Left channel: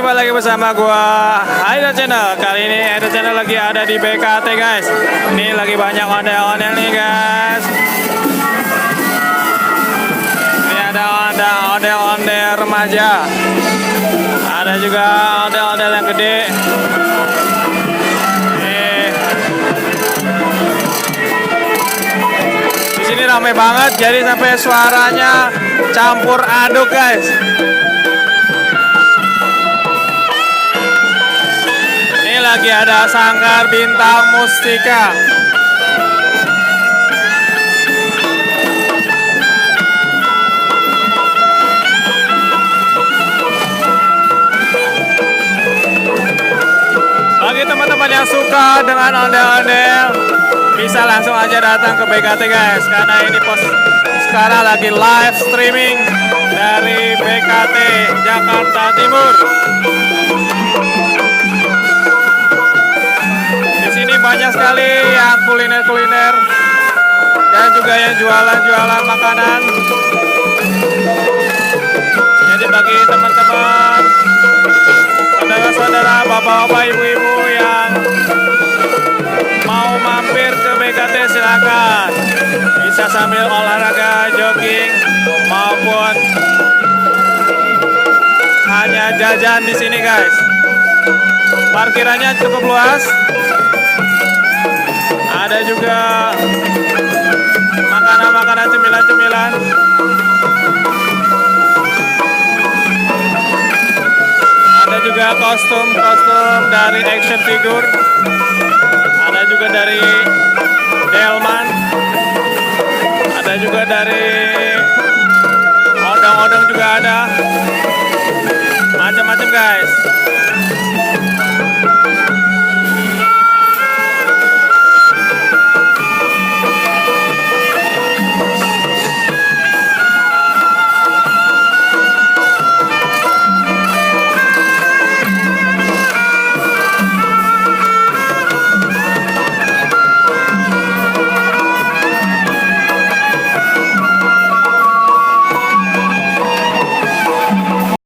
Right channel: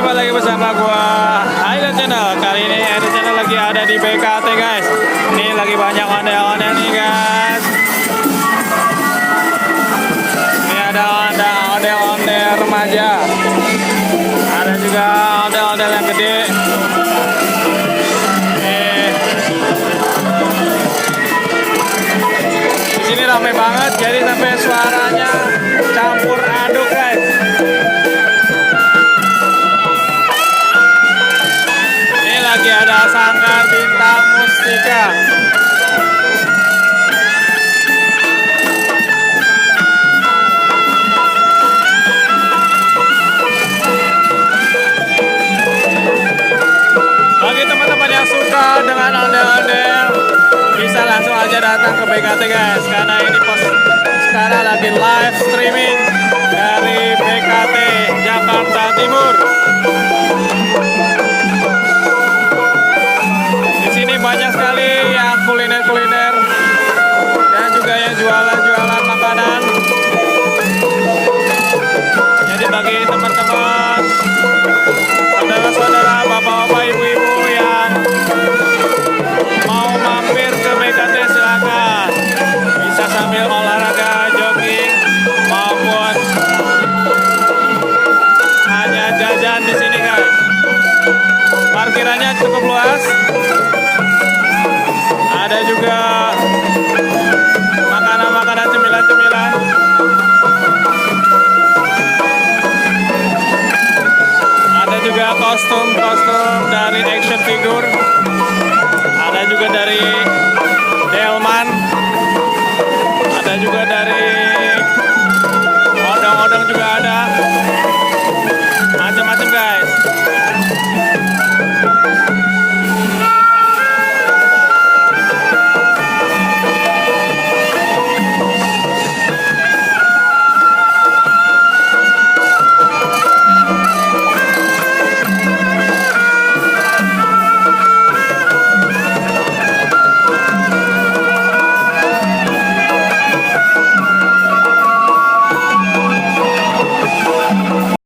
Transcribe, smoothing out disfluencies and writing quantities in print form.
jumpa lagi bersama gua Aida Channel. Kali ini Aida Channel lagi ada di BKT guys. Ini lagi banyak ondel-ondel nih guys. Ini ada ondel-ondel remaja. Ada juga ondel-ondel yang gede. Di sini ramai banget, jadi sampai suaranya campur aduk guys. Lagi ada Sanggar Bintang Mustika. Bagi teman-teman yang suka dengan ondel-ondel, bisa langsung aja datang ke BKT guys, karena ini sekarang lagi live streaming dari BKT Jakarta Timur. Ini banyak sekali yang kuliner-kuliner dan juga yang jualan-jualan makanan. Jadi bagi teman-teman, saudara-saudara, bapak-bapak, ibu-ibu yang mau mampir ke BKT silakan. Bisa sambil olahraga, jogging maupun hanya jajan di sini guys. Parkirannya cukup luas. Ada juga makanan-makanan, cemilan-cemilan. Ada juga kostum-kostum dari action figure. Ada juga dari Delman. Ada juga dari odong-odong juga ada. Macam-macam guys.